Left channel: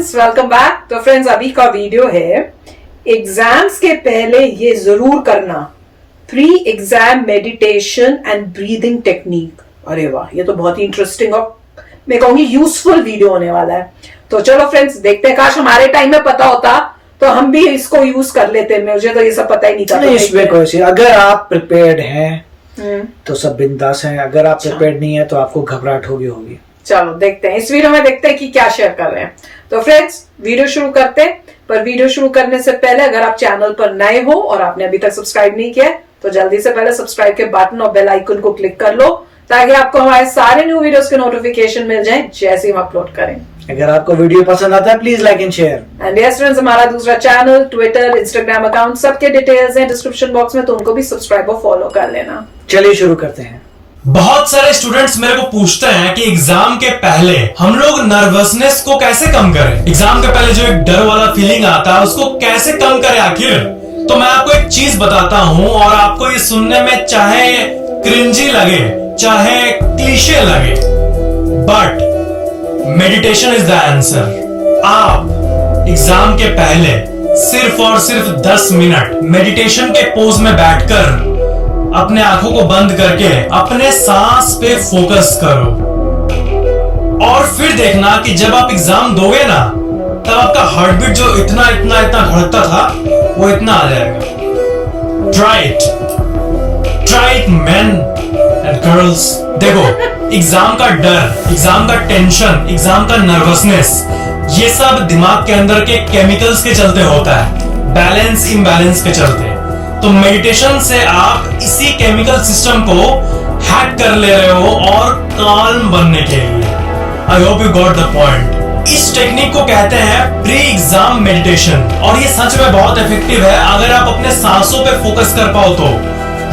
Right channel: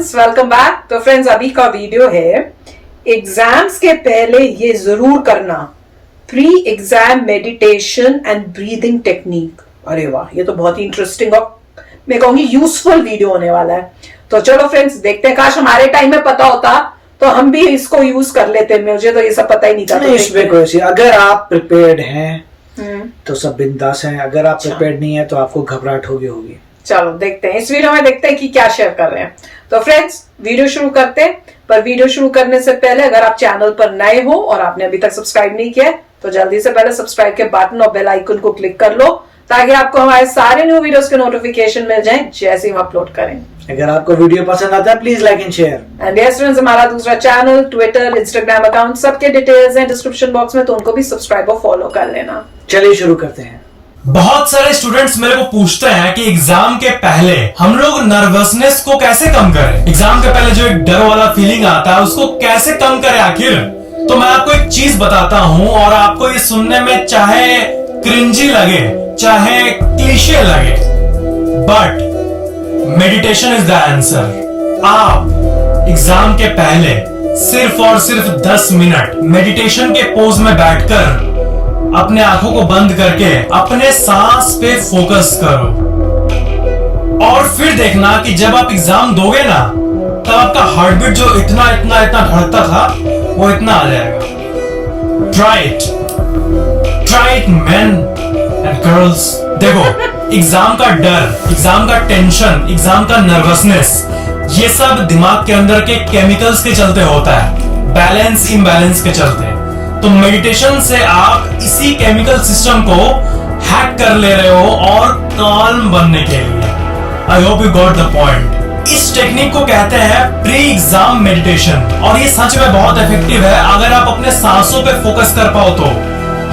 Friends, welcome back. तो friends, अभी का वीडियो है एग्जाम्स के पहले ये जरूर करना, pre exam meditation and breathing technique. अरे वाह, ये तो बहुत ही इंटरेस्टिंग और मैं कहूंगी यूजफुल वीडियो होने वाला है। तो चलो फ्रेंड्स, देखते हैं। काश हमारे टाइम में पता होता तो हम भी इसको यूज कर लेते। मुझे तो ये सब पता ही नहीं था। नहीं, इसमें कोई अगर आप प्रिपेयर्ड हैं तो सब बिंदास हैं, अगर आप प्रिपेयर्ड नहीं है तो आपको घबराहट होगी। चलो देखते हैं, इस वीडियो में देखते हैं कि क्या शेयर कर रहे हैं। तो फ्रेंड्स, वीडियो शुरू करते हैं। पर वीडियो शुरू करने से पहले अगर आप चैनल पर नए हो और आपने अभी तक सब्सक्राइब नहीं किया तो जल्दी से पहले सब्सक्राइब के बटन और बेल आइकन को क्लिक कर लो, ताकि आपको हमारे सारे न्यू वीडियोस के नोटिफिकेशन मिल जाएं जैसे ही हम अपलोड करें। अगर आपको वीडियो पसंद आता है please like and share. And yes friends, हमारा दूसरा चैनल, ट्विटर, इंस्टाग्राम अकाउंट, सबके डिटेल्स हैं डिस्क्रिप्शन बॉक्स में, तो उनको भी सब्सक्राइब और फॉलो कर लेना। चलिए शुरू करते हैं। बहुत सारे स्टूडेंट्स मेरे को पूछते हैं कि एग्जाम के पहले हम लोग नर्वसनेस को कैसे कम करें। एग्जाम के पहले जो एक डर वाला फीलिंग आता है उसको कैसे कम करें आखिर। तो मैं आपको एक चीज बताता हूं और आपको ये सुनने में चाहे क्रिंजी लगे चाहे क्लीशे लगे, but meditation is the answer. आप एग्जाम के पहले सिर्फ और सिर्फ 10 मिनट मेडिटेशन के पोज में बैठकर अपने आंखों को बंद करके अपने सांस पे फोकस करो और फिर देखना कि जब आप एग्जाम दोगे ना तब आपका हार्ट बीट जो इतना धड़कता था वो इतना आ जाएगा। Try it main and girls. देखो, एग्जाम का डर, एग्जाम का टेंशन, एग्जाम का नर्वसनेस, ये सब दिमाग के अंदर के केमिकल्स के चलते होता है, बैलेंस इम्बैलेंस के चलते। तो मेडिटेशन से आप इसी केमिकल सिस्टम को हैक कर ले रहे हो और काल्म बनने के लिए। I hope you got the point. इस टेक्निक को कहते हैं प्री एग्जाम मेडिटेशन और ये सच में बहुत इफेक्टिव है अगर आप अपने सांसों पे फोकस कर पाओ तो।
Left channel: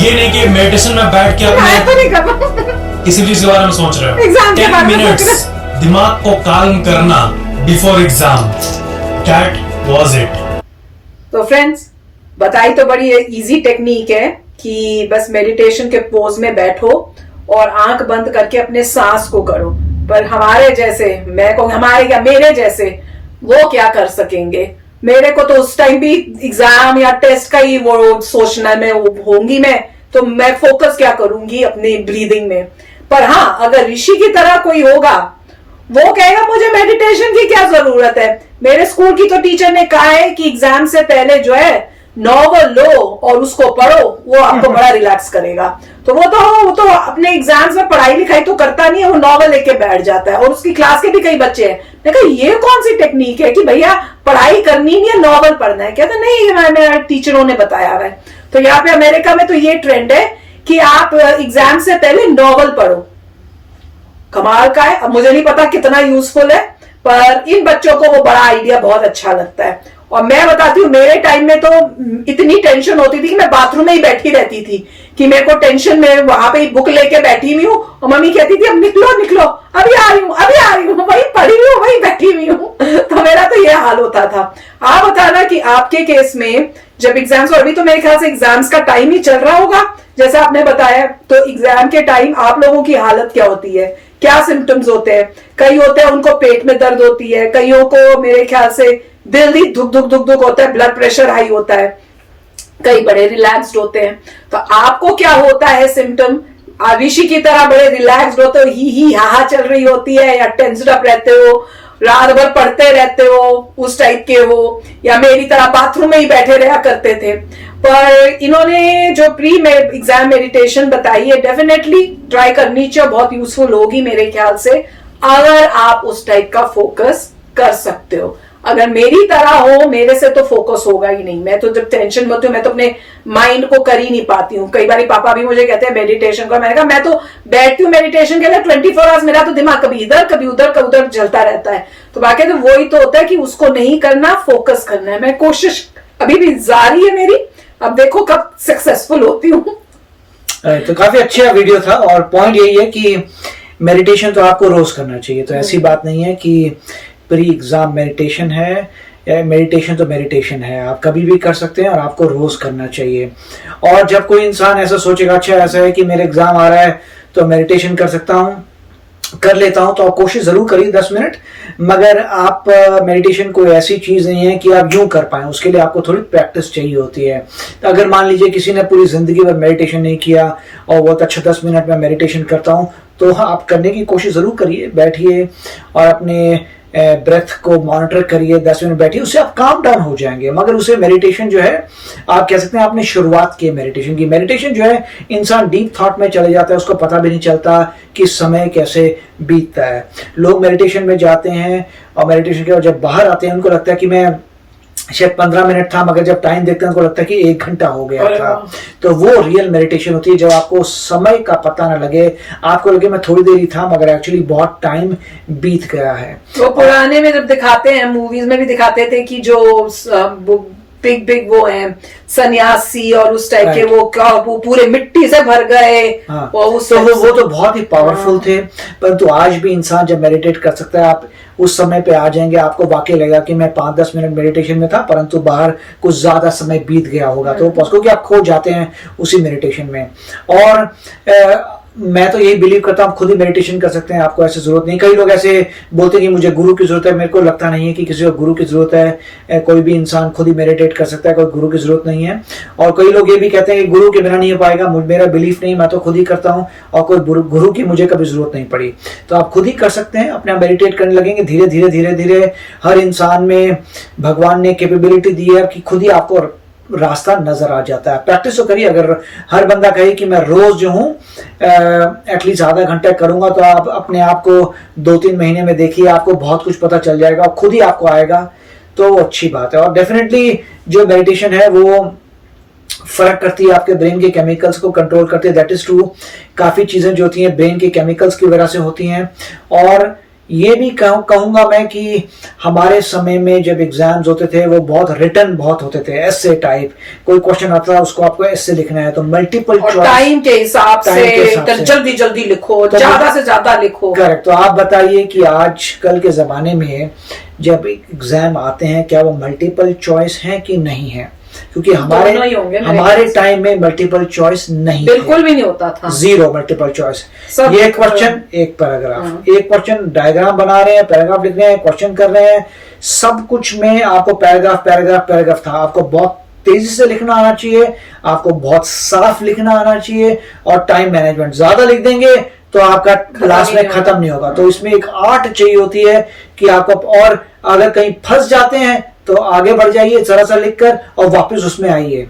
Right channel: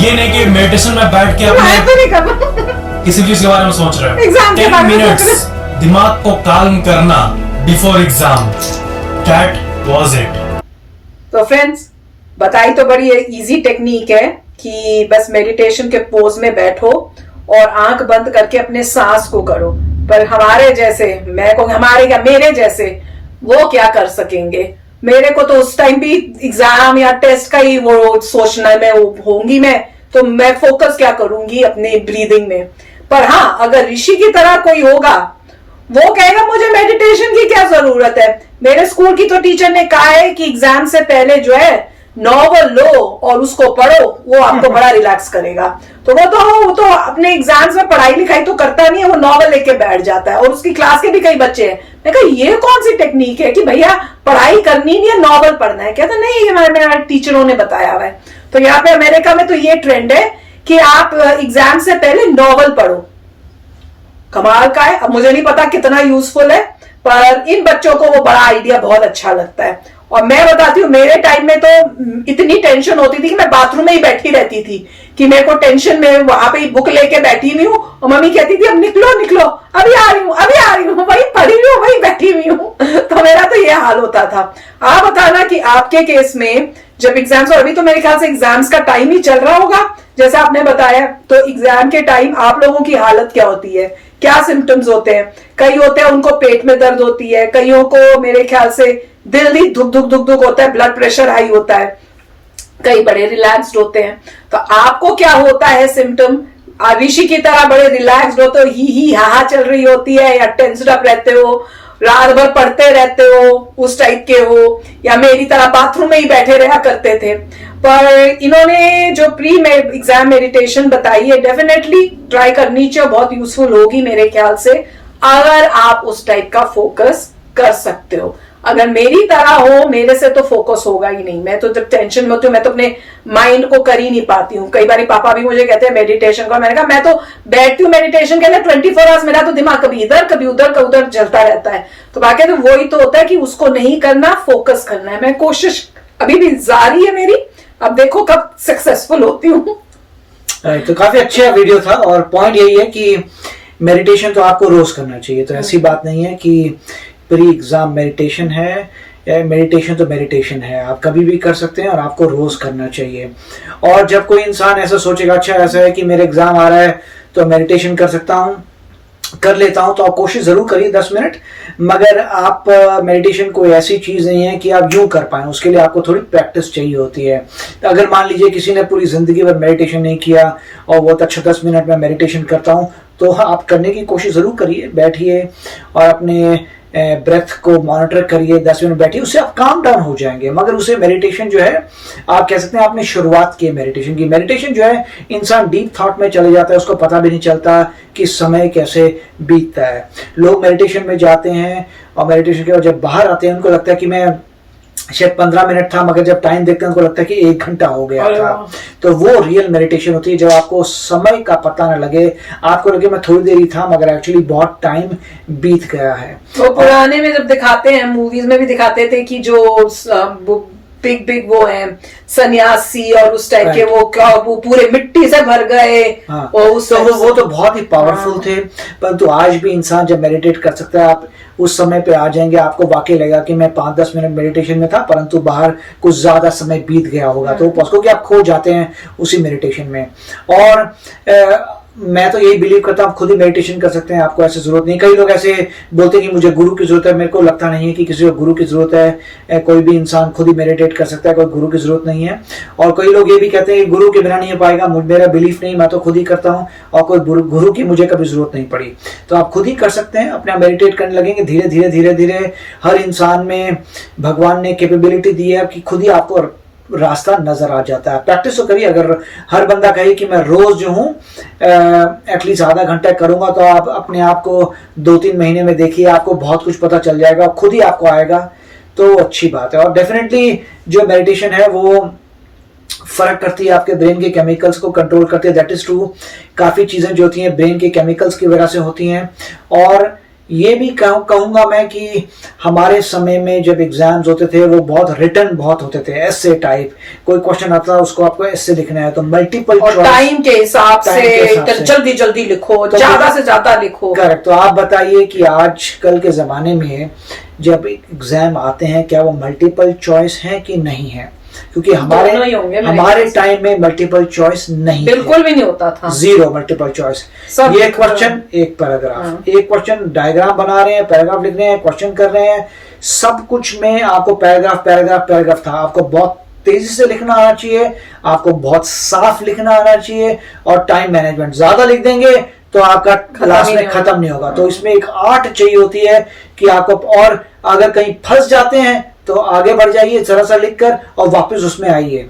ये नहीं कि मेडिटेशन में बैठ के अपने किसी चीज के बारे में सोच रहे हो। 10 मिनट्स दिमाग को काल्म करना before exam, that was it. तो फ्रेंड्स, बताई तो बड़ी इजी टेक्निक है कि बस मेडिटेशन के पोज में बैठो और आंख बंद करके अपने सांस को करो। पर हमारे जैसे, मैं कहूँ हमारे क्या, मेरे जैसे वो क्या कर सकेंगे। मेरे को तो उस टाइम भी एग्जाम या टेस्ट का ही वो सोचना है, मैं होंगी मैं तो मैं फोकस क्या करूंगी अपनी ब्रीदिंग में। पर हाँ, अगर ऋषि की तरह कोई होगा वो कहेगा मुझे मेडिटेशन की क्या जरूरत है। मेरे स्कूल की तो टीचर ने कहा है कि एग्जाम से पहले जो है नॉवल लो और उसको पढ़ो, वो आपको बड़ा रिलैक्स करेगा। तो वो तो अपने एग्जाम्स में पढ़ाई लिखाई तो करता नहीं है, वो नॉवल लेके बैठ जाता है। और उसकी क्लास के भी कई बच्चे हैं। मैं कहा ये कौन सी टेक्निक है कि भैया पढ़ाई करनी नहीं है, नॉवल पढ़ना है। कहते नहीं, हमारे टीचरों ने बताया हुआ है। तो यहाँ पे अमेरिका में तो ये ट्रेंड है कि आप एग्जाम से पहले नॉवल पढ़ो। कमाल का है। अब मुझे नहीं पता कितना यूजफुल है, पर इन बच्चों को वो बड़ा आइडिया बहुत अच्छा लगता है। और मैं बताती हूँ, मेरे टाइम में तो इतनी टेंशन होती थी कि मैं बाथरूम में ही बैठी रहती थी कि मेरे को टेंशन में वहां पे बुक लेके बैठी हुई हूँ और मम्मी कहती थी अब निकलो अभी आ रही हूँ वही पढ़ी हुई हूँ, वही बैठी हुई हूँ। तो मेरा तो ये हाल होता था। आप बताना कि आपके केस में जब एग्जाम्स, और अभी तो मेरे ख्याल से एग्जाम्स का टाइम ही चल रहा होगा जैसा आपने बताया, तो एग्जाम के टाइम आप लोगों की हालत क्या होती है, क्या सिम्टम्स होते हैं। कई होते हैं उनको पेट में दर्द होती है, कईयों को मेरे ख्याल से दिल ही धुक होता है, ब्लड प्रेशर हाई होता है, कई बड़े रिलैक्स्ड होते हैं। तो आपको क्या होता है सिम्टम? ऋषि की तरह बड़े रिलैक्स्ड होते हो, ही हा चल रही होती है, या टेंस्ड अप रहते हो, रात भर पढ़ते रहते हो, उस टाइप के हो, या मेरी तरह बाथरूम में ही बैठे रहा करते थे। पर इन्होंने जो प्री एग्जाम मेडिटेशन बताई है, डेफिनेटली ट्राई करनी चाहिए, बहुत यूजफुल होगी मेरे ख्याल से, अगर आप उस टाइप का फोकस कर सकते हो। अगर मेरी तरह हो, मेरे से तो फोकस होगा ही नहीं। मैं तो जब टेंशन में होती हूँ मैं तो अपने माइंड को कर ही नहीं पाती हूँ। कई बार पापा भी मुझे कहते हैं मेडिटेशन का, मैंने कहा मैं तो बैठती हूँ मेडिटेशन के लिए 24 आवर्स, मेरा तो दिमाग कभी इधर कभी उधर चलता रहता है। तो बाकी तो वही तो होता है कि उसको नहीं करना, फोकस करना है। मैं कोशिश अभी भी जारी है मेरी, अब देखो कब सक्सेसफुल होती हूँ। तो काफी अच्छा वीडियो था और पॉइंट यही है कि मेडिटेशन तो आपको रोज करना चाहिए। तो ऐसी बात नहीं है कि प्री एग्जाम मेडिटेशन है, मेडिटेशन तो मेडिटेशन है, आप कभी भी कर सकते हैं और आपको रोज करना चाहिए। और जब कोई इंसान ऐसा सोचेगा अच्छा ऐसा है कि मेरा एग्जाम आ रहा है तो मेडिटेशन कर सकता हूँ, कर लेता हूं, तो आप कोशिश जरूर करिए 10 मिनट। मगर आप मेडिटेशन कोई ऐसी चीज नहीं है कि आप यूं कर पाए, उसके लिए आपको थोड़ी प्रैक्टिस चाहिए होती है। तो अगर मान लीजिए किसी ने पूरी जिंदगी में मेडिटेशन नहीं किया और बहुत अच्छा 10 मिनट में मेडिटेशन करता हूं, तो आप करने की कोशिश जरूर करिए। बैठिए और अपने ब्रेथ को मॉनिटर करिए, 10 मिनट बैठिए, उससे आप काम डाउन हो जाएंगे। मगर उसे मेडिटेशन जो है, आप कह सकते हैं आपने शुरुआत की मेडिटेशन की। मेडिटेशन जो है, इंसान डीप थॉट में चले जाता है, उसको पता भी नहीं चलता कि समय कैसे बीतता है। लोग मेडिटेशन में जाते हैं और मेडिटेशन के बाद जब बाहर आते हैं उनको लगता है कि मैं शायद 15 मिनट था, मगर जब टाइम देखते हैं उनको लगता है कि 1 घंटा हो गया था। तो वो रियल मेडिटेशन होती है जब आपको समय का पता ना लगे, आपको लगे मैं थोड़ी देर ही था मगर एक्चुअली बहुत टाइम बीत गया है। तो पुराने में जब दिखाते हैं, मूवीज में भी दिखाते थे कि जो बिग बिग वो हैं सन्यासी और उस टाइप के, वो पूरे मिट्टी से भर गए। हाँ, और उस तो वो तो बहुत ही पावरफुल थे। परंतु आज भी इंसान जब मेडिटेट कर सकता है, आप उस समय पे आ जाएंगे, आपको वाकई लगेगा कि मैं 5-10 मिनट मेडिटेशन में था, परंतु बाहर कुछ ज्यादा समय बीत गया होगा। तो क्योंकि आप खो जाते हैं उसी मेडिटेशन में। और मैं तो यही बिलीव करता हूँ आप खुद ही मेडिटेशन कर सकते हैं, आपको ऐसे जरूरत नहीं। कई लोग ऐसे बोलते हैं कि मुझे गुरु की जरूरत है, मेरे को लगता नहीं है कि किसी को गुरु की जरूरत है। कोई भी इंसान खुद ही मेडिटेट कर सकता है, कोई गुरु की जरूरत नहीं है। और कई लोग ये भी कहते हैं कि गुरु के बिना नहीं हो पाएगा, मेरा बिलीफ नहीं, मैं तो खुद ही करता हूँ और कोई गुरु की मुझे कभी जरूरत नहीं पड़ी। तो आप खुद ही कर सकते हैं, अपना मेडिटेट करने लगेंगे धीरे धीरे धीरे धीरे। हर इंसान में भगवान ने कैपेबिलिटी दी है कि खुद ही आपको रास्ता नजर आ जाता है। प्रैक्टिस तो करिए। अगर हर बंदा कहे कि मैं रोज जो हूं एटलीस्ट आधा घंटा करूंगा, तो आप अपने आप को 2-3 महीने में देखिए, आपको बहुत कुछ पता चल जाएगा, खुद ही आपको आएगा। तो अच्छी बात है। और डेफिनेटली जो मेडिटेशन है वो फर्क करती है, आपके ब्रेन के केमिकल्स को कंट्रोल करती है। That is true. काफी चीजें जो होती हैं ब्रेन के केमिकल्स की वजह से होती हैं। और ये भी कहूंगा मैं कि हमारे समय में जब एग्जाम्स होते थे वो बहुत रिटर्न बहुत होते थे, एस्से टाइप। कोई क्वेश्चन आता था उसको आपको एस्से लिखना है, तो मल्टीपल टाइम के हिसाब से जल्दी जल्दी लिखो, तो ज्यादा से ज्यादा लिखो। करेक्ट। तो आप बताइए कि आजकल के जमाने में जब एग्जाम आते हैं, क्या वो मल्टीपल चॉइस है कि नहीं है? क्योंकि हमारे टाइम में मल्टीपल चॉइस नहीं, बिल्कुल भी नहीं होता था, 0 मल्टीपल चॉइस। ये क्वेश्चन, एक पैराग्राफ, एक क्वेश्चन, डायग्राम बना रहे हैं, पैराग्राफ लिख रहे हैं, क्वेश्चन कर रहे हैं, सब कुछ में आपको पैराग्राफ पैराग्राफ पैराग्राफ था। आपको बहुत तेजी से लिखना आना चाहिए, आपको बहुत साफ लिखना आना चाहिए। और टाइम मैनेजमेंट, ज्यादा लिख देंगे तो आपका क्लास में खत्म नहीं होगा। तो इसमें एक आर्ट चाहिए होती है कि आपको, और अगर कहीं फंस जाते हैं तो आगे बढ़ जाइए जरा सा लिखकर और वापस उसमें आइए।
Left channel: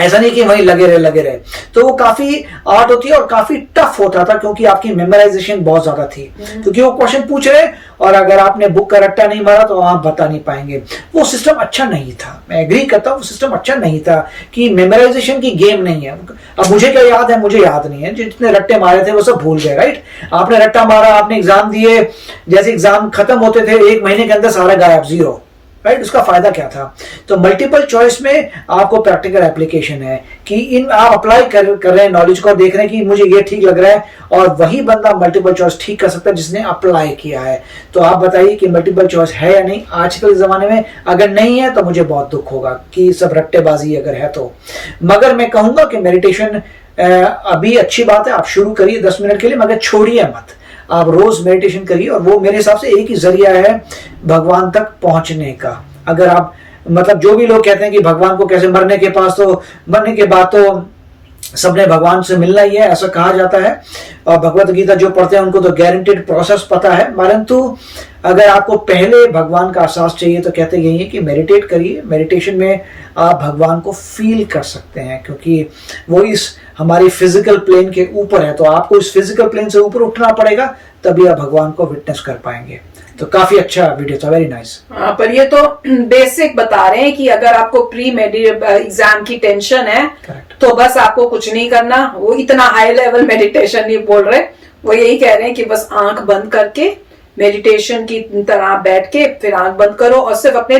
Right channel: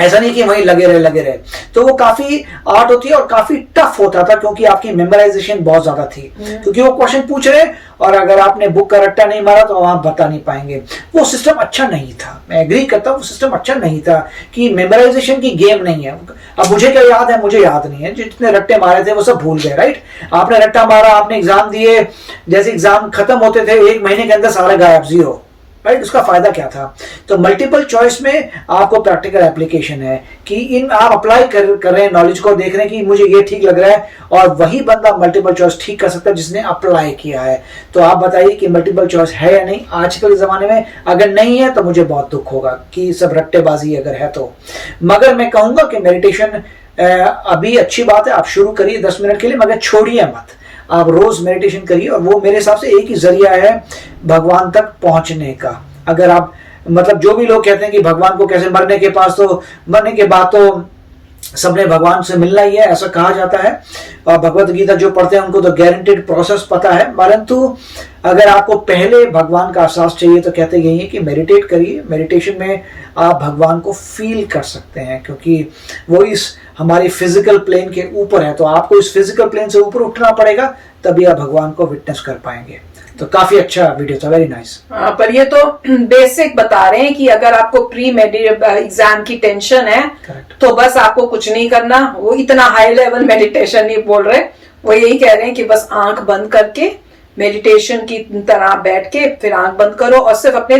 ऐसा नहीं कि वहीं लगे रहे। तो वो काफी आर्ट होती है और काफी टफ होता था, क्योंकि आपकी मेमोराइजेशन बहुत ज्यादा थी। क्योंकि वो क्वेश्चन पूछ रहे हैं और अगर आपने बुक का रट्टा नहीं मारा तो आप बता नहीं पाएंगे। वो सिस्टम अच्छा नहीं था, मैं एग्री करता हूँ, वो सिस्टम अच्छा नहीं था कि मेमोराइजेशन की गेम नहीं है। अब मुझे क्या याद है, मुझे याद नहीं है। जितने रट्टे मारे थे वो सब भूल गए, राइट? आपने रट्टा मारा, आपने एग्जाम दिए, जैसे एग्जाम खत्म होते थे 1 महीने के अंदर सारा गायब, 0, राइट? उसका फायदा क्या था? तो मल्टीपल चॉइस में आपको प्रैक्टिकल एप्लीकेशन है कि इन आप अप्लाई कर रहे हैं नॉलेज को, देख रहे हैं कि मुझे ये ठीक लग रहा है, और वही बंदा मल्टीपल चॉइस ठीक कर सकता है जिसने अप्लाई किया है। तो आप बताइए कि मल्टीपल चॉइस है या नहीं आजकल के जमाने में? अगर नहीं है तो मुझे बहुत दुख होगा कि सब रट्टेबाजी अगर है तो। मगर मैं कहूंगा कि मेडिटेशन अभी अच्छी बात है, आप शुरू करिए 10 मिनट के लिए, मगर छोड़िए मत। आप रोज मेडिटेशन करिए, और वो मेरे हिसाब से एक ही जरिया है भगवान तक पहुंचने का। अगर आप, मतलब जो भी लोग कहते हैं कि भगवान को कैसे, मरने के बाद तो सबने भगवान से मिलना ही है, ऐसा कहा जाता है। और भगवत गीता जो पढ़ते हैं उनको तो गारंटीड प्रोसेस पता है। परंतु अगर आपको पहले भगवान का एहसास चाहिए तो कहते यही है कि मेडिटेट करिए। मेडिटेशन में आप भगवान को फील कर सकते हैं, क्योंकि वो इस हमारी फिजिकल प्लेन के ऊपर है। तो आपको इस फिजिकल प्लेन से ऊपर उठना पड़ेगा, तभी आप भगवान को विटनेस कर पाएंगे। तो काफी अच्छा वीडियो था, वेरी नाइस। पर ये तो बेसिक बता रहे हैं कि अगर आपको प्री एग्जाम की टेंशन है, तो बस आपको कुछ नहीं करना। वो इतना हाई लेवल मेडिटेशन नहीं बोल रहे, वो यही कह रहे हैं कि बस आंख बंद करके मेडिटेशन की तरह बैठ के फिर आंख बंद करो और सिर्फ अपने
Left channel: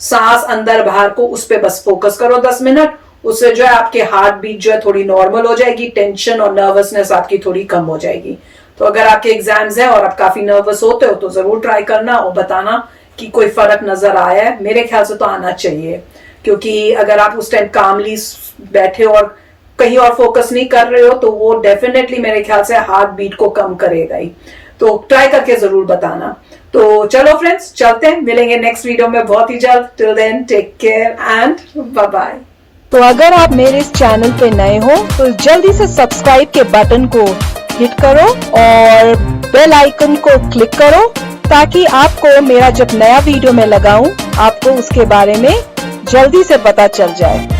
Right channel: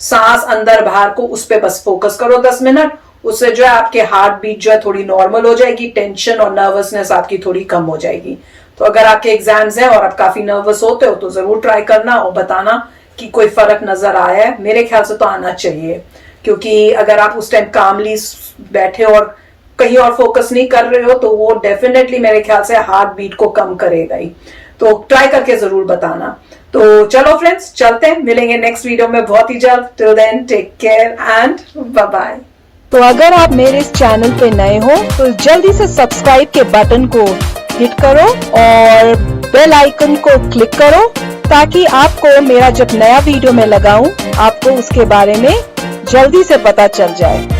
सांस अंदर बाहर को उस पर बस फोकस करो 10 मिनट। उससे जो है आपके हार्ट बीट जो है थोड़ी नॉर्मल हो जाएगी, टेंशन और नर्वसनेस आपकी थोड़ी कम हो जाएगी। तो अगर आपके एग्जाम्स हैं और आप काफी नर्वस होते हो तो जरूर ट्राई करना और बताना कि कोई फर्क नजर आया है। मेरे ख्याल से तो आना चाहिए, क्योंकि अगर आप उस टाइम कामली बैठे और कहीं और फोकस नहीं कर रहे हो तो वो डेफिनेटली मेरे ख्याल से हार्ट बीट को कम करेगा ही। तो ट्राई करके जरूर बताना। तो चलो फ्रेंड्स, चलते हैं, मिलेंगे नेक्स्ट वीडियो में बहुत ही जल्द। Till then take care and bye bye. तो अगर आप मेरे इस चैनल पे नए हो तो जल्दी से सब्सक्राइब के बटन को हिट करो और बेल आइकन को क्लिक करो, ताकि आपको मेरा जब नया वीडियो मैं लगाऊं आपको उसके बारे में जल्दी से पता चल जाए।